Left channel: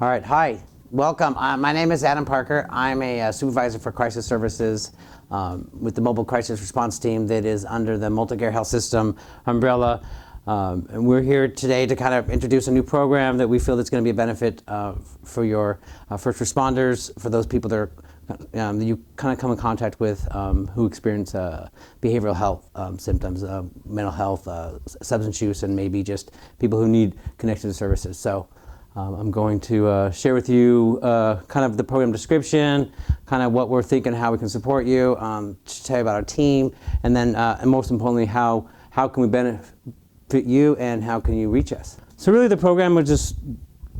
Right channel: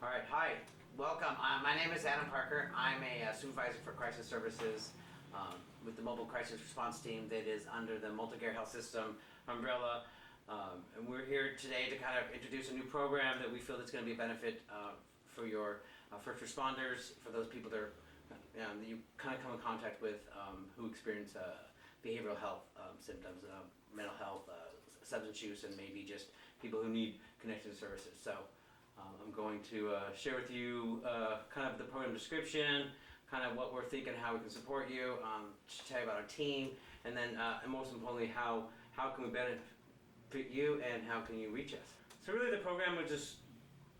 All right, hi, welcome. My name is Adam Parker. I'm a supervisor for crisis services with the Mobile Crisis Response Team that is under the Multicare Health System umbrella. And we're here today to kind of introduce a new program that we feel that's going to be a benefit for your first responders, for those people that you kind of come in contact with who experience behavioral health symptoms, mental health, substance use, and maybe just people who need connected services. So I'm going to share with you kind of the program description, kind of what we're thinking, how we can support you, to tell you about our team, and then and most importantly, how can we benefit you and how can you reach us. So really the program was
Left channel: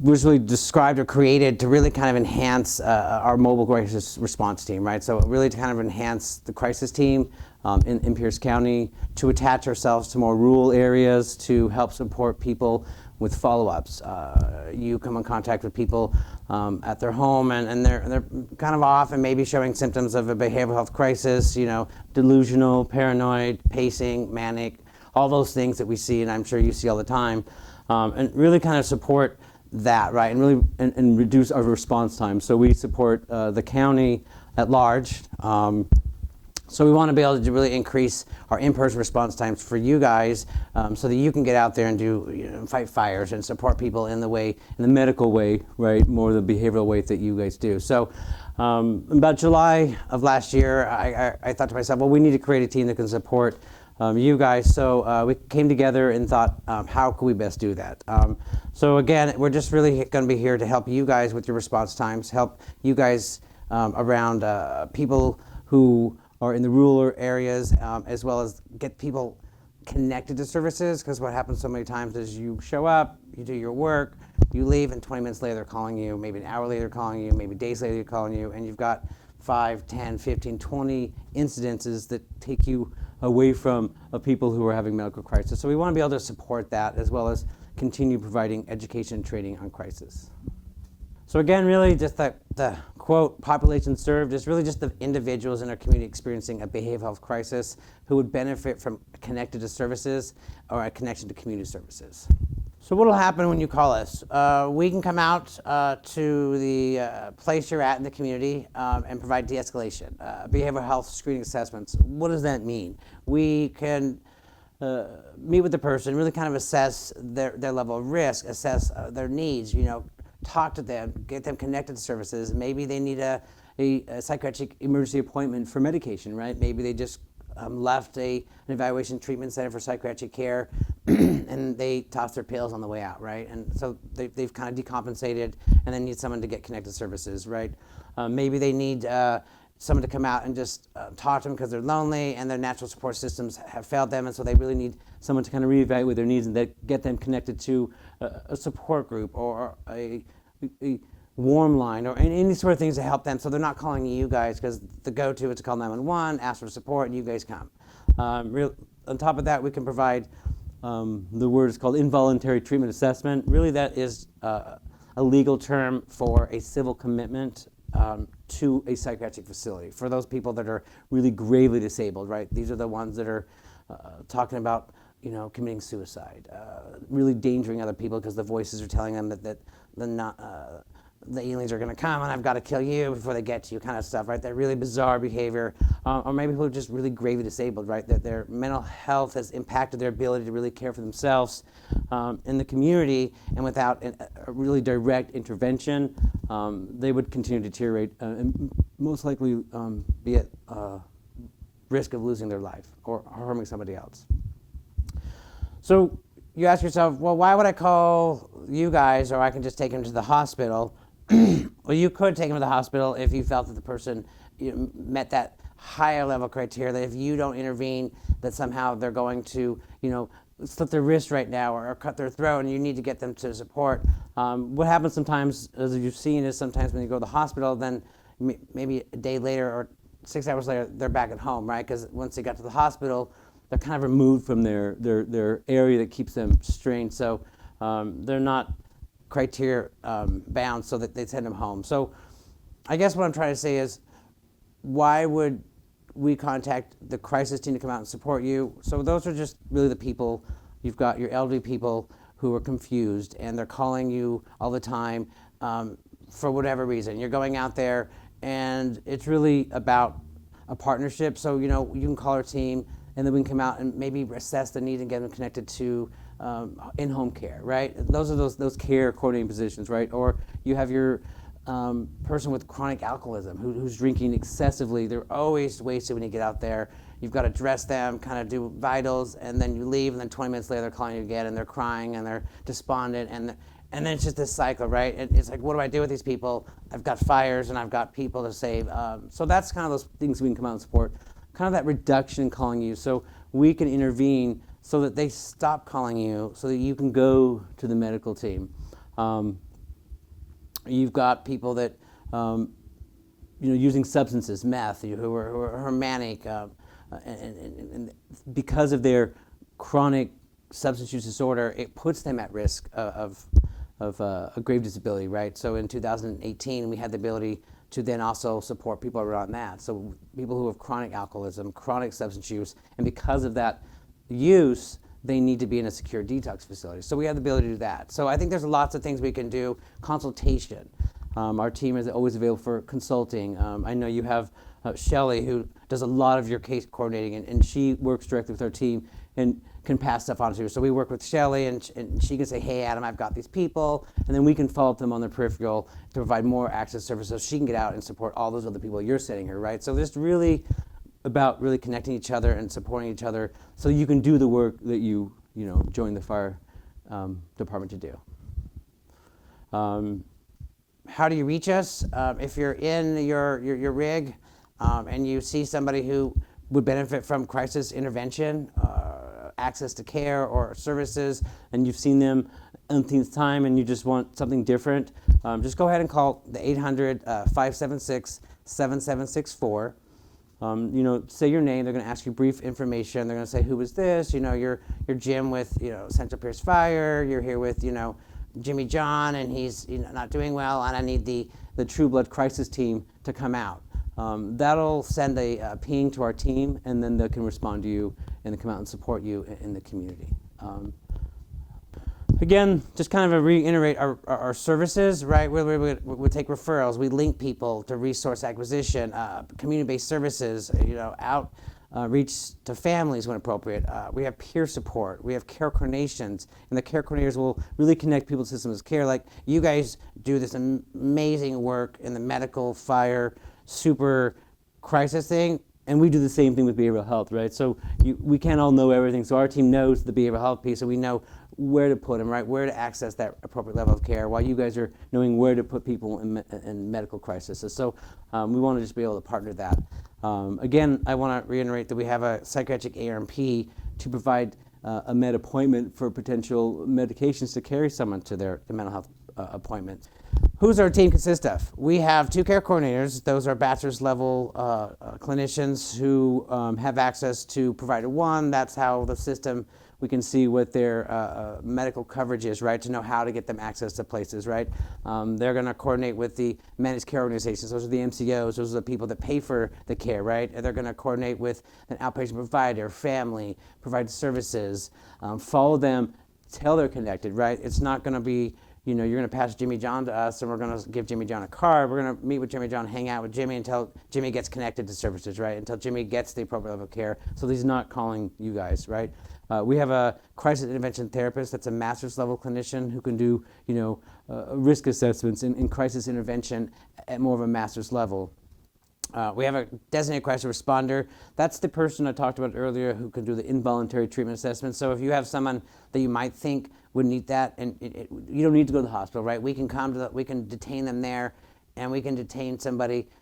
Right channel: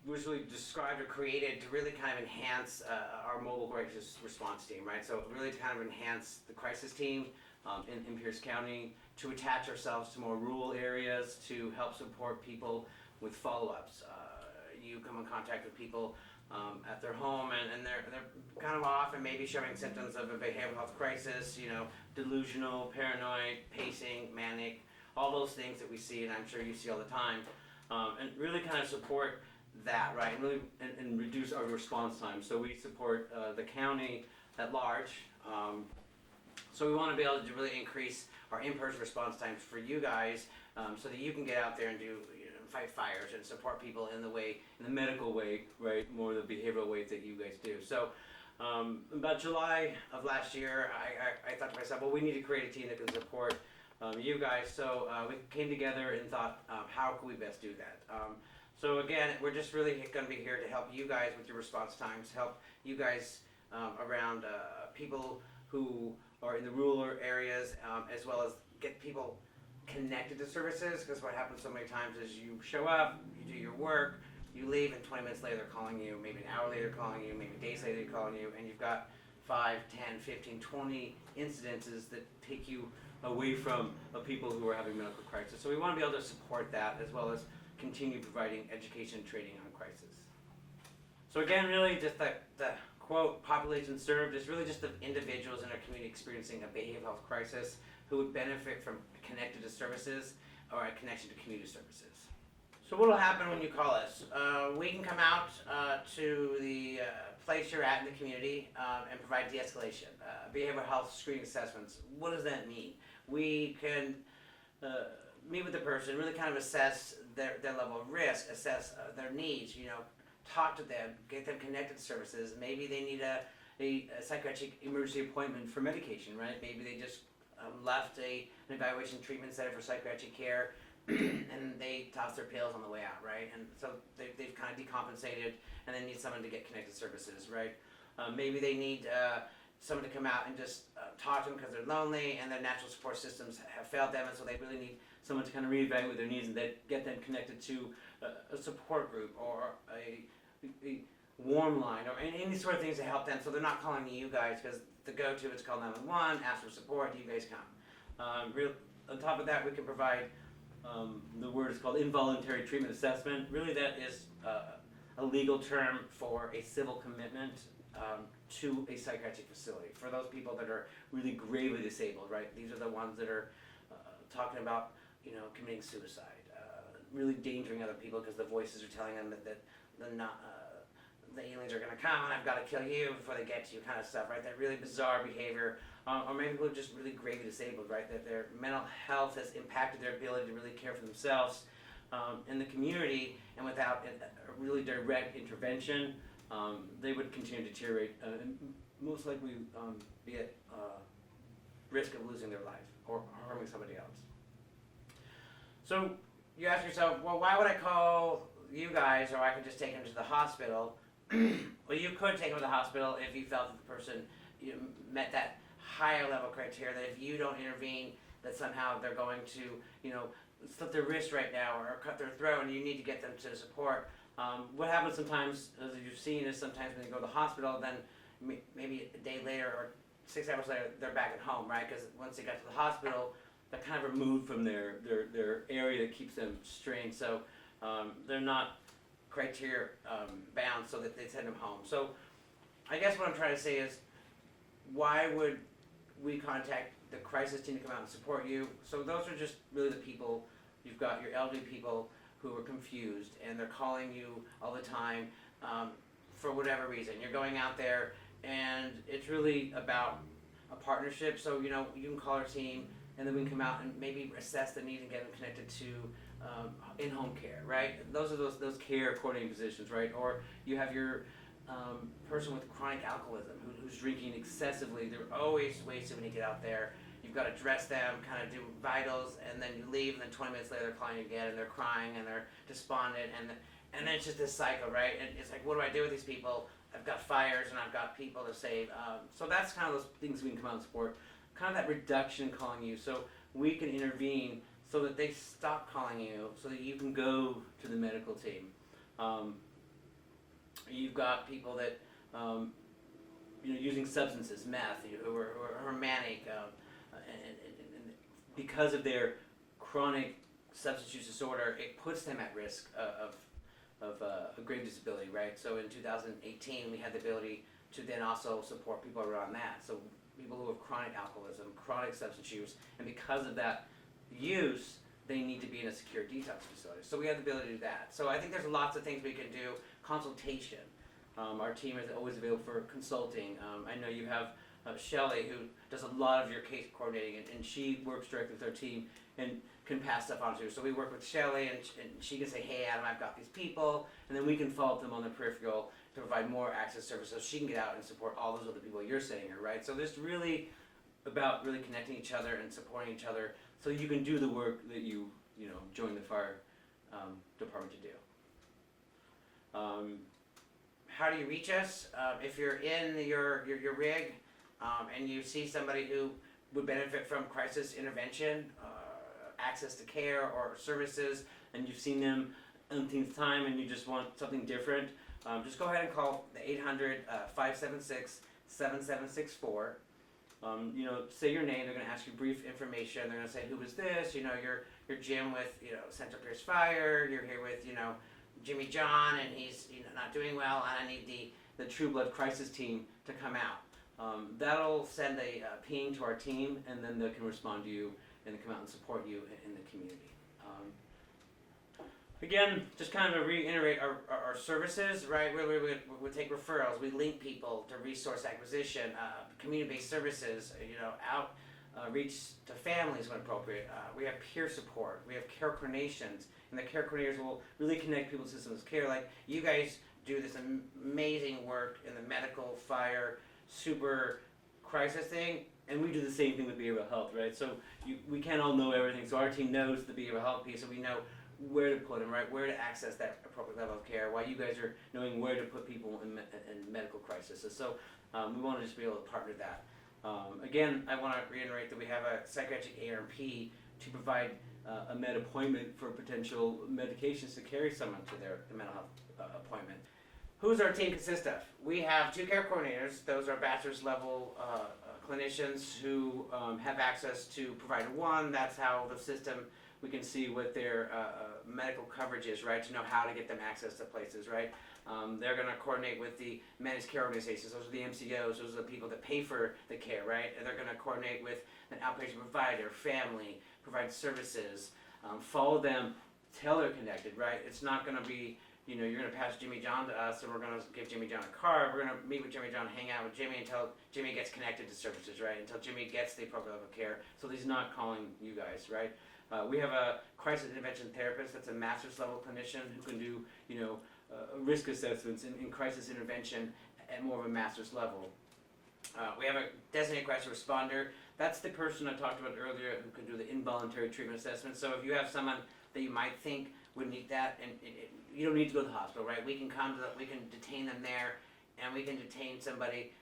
really described or created to really kind of enhance our mobile crisis response team, right? So really to kind of enhance the crisis team in Pierce County, to attach ourselves to more rural areas, to help support people with follow-ups. You come in contact with people at their home and they're kind of off and maybe showing symptoms of a behavioral health crisis, delusional, paranoid, pacing, manic, all those things that we see and I'm sure you see all the time, and really kind of support that, right, and really and reduce our response time. So we support the county at large. So we want to be able to really increase our in-person response times for you guys, so that you can get out there and do, fight fires and support people in the medical way, right, more the behavioral way that you guys do. So about July of last year, I thought to myself, well, we need to create a team that can support you guys. So we came together and thought, how can we best do that? So again, we're just really going to be here to help you guys with your response times, help you guys around people who are in the rural areas, as well as get people connected to services, because what happens so many times is you show up, you do your work, you leave, and 20 minutes later they're calling you, maybe an hour later they're calling you, maybe days later they're calling you, and you've got 5, 10, 15, 20 incidences that take you away from people who are having medical crisis. So we want to be able to support that, as well as continue providing education and training on crisis. So again, really just the quote, population served, is really just the individuals in our community experiencing a behavioral health crisis who would benefit from connected to services or a connection to community services. So what will happen when you call us? We can come out to the place you're at in the community and provide de-escalation, behavioral health screening assessments. What does that mean? We can meet with the person, really kind of assess their level of risk, assess their needs, talk to them, get them connected to services. Maybe they need a psychiatric emergency appointment for medication, right? Maybe they just left an evaluation treatment center for psychiatric care and they toss their pills on the way out, right? And so they've kind of decompensated and then need someone to get connected services, right? Maybe they need someone to come out and just talk to them because they're lonely and their natural support systems have failed them, and so they really need someone to kind of reevaluate their needs and get them connected to a support group or a warm line or any sort of things to help them, so they're not calling you guys, because the go-to is to call 911, ask for support, and you guys come. On top of that, we can provide the word is called involuntary treatment assessment. Really, that is a legal term for a civil commitment to a psychiatric facility for those people that are really gravely disabled, right? These are the ones that are talking about committing suicide, really endangering other people because the voices are telling them that the aliens are going to come and I've got to kill you before they get to you, kind of stuff, right? That really bizarre behavior. Or maybe people are just really gravely disabled, right? That their mental health has impacted their ability to really care for themselves in the community, and without a really direct intervention, they would continue to deteriorate and most likely be at risk of losing their life or harming somebody else. So you ask yourself, well, why would I call you guys, or I can just take him to the hospital? Well, you could take him to the hospital if you felt that the person met that higher level criteria, that if you don't intervene, that somehow they're going to, slit their wrist right now or cut their throat, and you need to get them to support. What happens sometimes, as you've seen, is sometimes when you go to the hospital, then maybe a day later or 6 hours later, they're back at home, right? Because once they got to the hospital, they're kind of removed from their area that keeps them strained. So they're not criteria bound, so that they send them home. So I guess what I'm trying to say is, why would we contact the crisis team to come out and support you? So those are just really the people. You've got your elderly people who are confused and they're calling you all the time. for whatever reason. You're going out there, and it's really about a partnership. So, you can call our team, and then we can come out and maybe assess the need and get them connected to in-home care, right? Those are those care coordinating positions, right? Or you have your person with chronic alcoholism who's drinking excessively. They're always wasted when you get out there. You've got to dress them, kind of do vitals, and then you leave, and then 20 minutes later they're calling you again, and they're crying, and they're despondent, and then it's just this cycle, right? And it's like, what do I do with these people? I've got fires, and I've got people to save. So that's kind of those things we can come out and support. Kind of that reduction calling you, so we can intervene so that they stop calling you, so that you can go to the medical team. You've got people that using substances, meth, who are manic, and because of their chronic substance use disorder, it puts them at risk of a grave disability, right? So in 2018, we had the ability to then also support people around that. So people who have chronic alcoholism, chronic substance use, and because of that use, they need to be in a secure detox facility. So we have the ability to do that. So I think there's lots of things we can do. Consultation. Our team is always available for consulting. I know you have Shelly, who does a lot of your case coordinating, and she works directly with our team and can pass stuff on to you. So we work with Shelly, and she can say, hey, Adam, I've got these people, and then we can follow up them on the peripheral to provide more access services so she can get out and support all those other people you're sending her, right? So this really about really connecting each other and supporting each other so you can do the work that you join the fire department to do. How do you reach us? If you're in your rig and you see somebody who would benefit from crisis intervention, access to care or services, and you've seen them umpteenth time and you just want something different, just go ahead and call the 800-576-7764. Say your name. They're going to ask you brief information. They're going to say, who is this? You're Jim with, Central Pierce Fire. You're here with, Jimmy John, and he's not doing well, and I need the True Blood Crisis team to come out. That'll send a ping to our team, and then they can respond to you and come out and support you in the community. Again, just kind of reiterate our services, right? We take referrals. We link people to resource acquisition, community-based services, reach to families when appropriate. We have peer support. We have care coordinations, and the care coordinators will really connect people to systems of care. Like you guys do this amazing work in the medical, fire, super crisis thing, and we do the same thing with behavioral health, right? So we can't all know everything. So our team knows the behavioral health piece, and we know where to put them, right? Where to access that appropriate level of care, while you guys are knowing where to put people in medical crises. So we want to just be able to partner that. Again, I want to reiterate that we have a psychiatric ARMP to provide a med appointment for potential medications to carry someone to their mental health appointment. Who's our team consist of? We have 2 care coordinators. Those are bachelor's level clinicians who have access to provider 1. That's how the system, we can see what their medical coverage is, right, to know how to get them access to places, right? They're going to coordinate with the managed care organizations. Those are the MCOs. Those are the people that pay for the care, right? And they're going to coordinate with an outpatient provider, family, provide services, follow them till they're connected, right? It's not going to be, you're going to pass Jimmy John to us and we're going to give Jimmy John a card. We're going to meet with Jimmy John, hang out with Jimmy until Jimmy gets connected to services, right? Until Jimmy gets the appropriate level of care. So he's not calling you guys, right? We have a crisis intervention therapist that's a master's level clinician who can do, risk assessments in crisis intervention at more of a master's level. We have a designated crisis responder. That's the person I talked about earlier who can do the involuntary treatment assessment. So if you have someone that you might think would need that, and you don't need to go to the hospital, right? We can we can detain them there, and we can detain somebody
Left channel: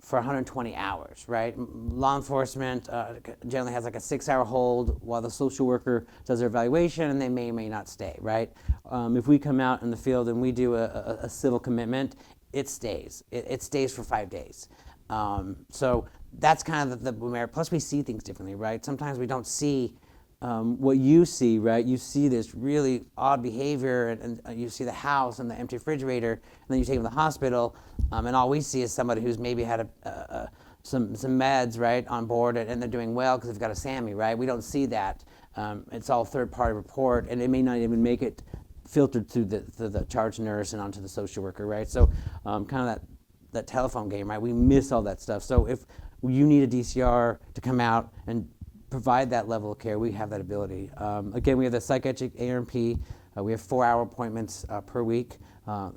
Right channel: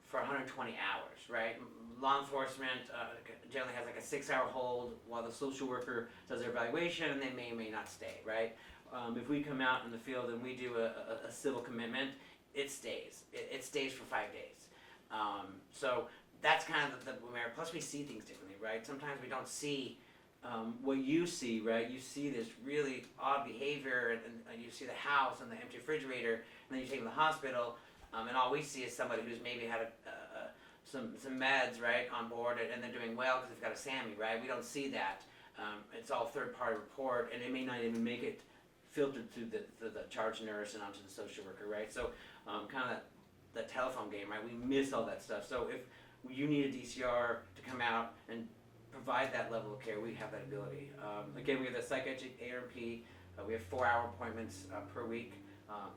for 120 hours, right? Law enforcement generally has like a 6-hour hold while the social worker does their evaluation, and they may or may not stay, right? If we come out in the field and we do a civil commitment, it stays. It stays for 5 days. So that's kind of the merit. Plus, we see things differently, right? Sometimes we don't see what you see, right? You see this really odd behavior, and you see the house and the empty refrigerator, and then you take them to the hospital, and all we see is somebody who's maybe had some meds, right, on board, and they're doing well because they've got a SAMI, right? We don't see that. It's all third-party report, and it may not even make it filtered through the charge nurse and onto the social worker, right? So kind of that telephone game, right? We miss all that stuff. So if you need a DCR to come out and provide that level of care, we have that ability. Again, we have the psychiatric A&P. We have 4-hour appointments per week.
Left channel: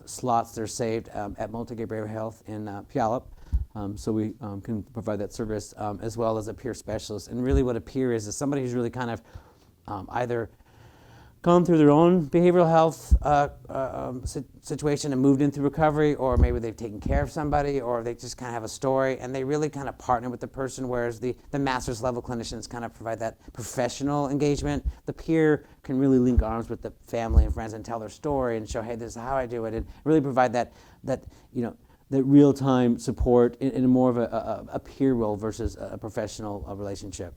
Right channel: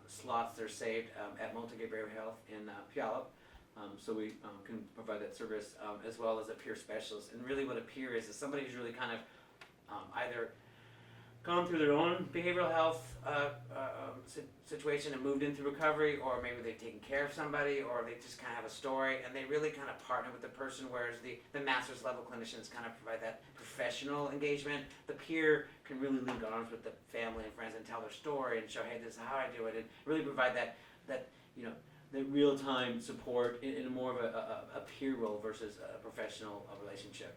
Slots that are saved at Multigate Behavioral Health in Puyallup. So we can provide that service as well as a peer specialist. And really what a peer is somebody who's really kind of either gone through their own behavioral health situation and moved into recovery, or maybe they've taken care of somebody, or they just kind of have a story and they really kind of partner with the person, whereas the master's level clinicians kind of provide that professional engagement. The peer can really link arms with the family and friends and tell their story and show, hey, this is how I do it, and really provide that the real-time support in more of a peer role versus a professional relationship.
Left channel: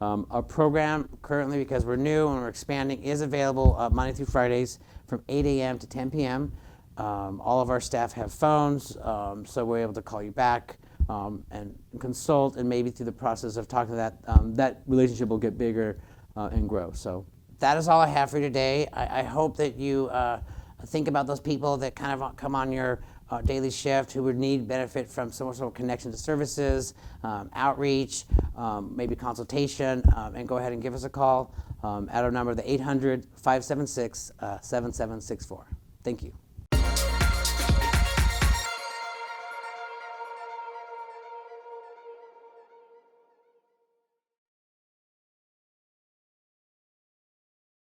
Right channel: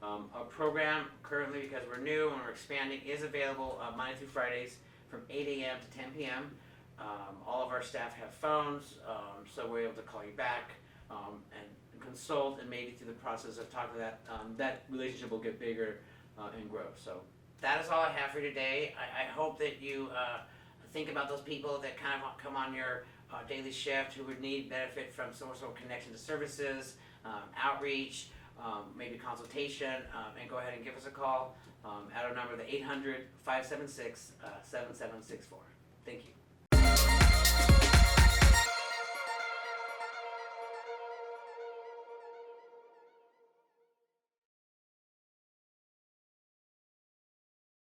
Our program currently, because we're new and we're expanding, is available Monday through Fridays from 8 a.m. to 10 p.m. All of our staff have phones, so we're able to call you back and consult, and maybe through the process of talking to that relationship will get bigger and grow. So that is all I have for you today. I hope that you think about those people that kind of come on your daily shift who would need benefit from some sort of connection to services, outreach, maybe consultation, and go ahead and give us a call at our number, the 800-576-7764. Thank you.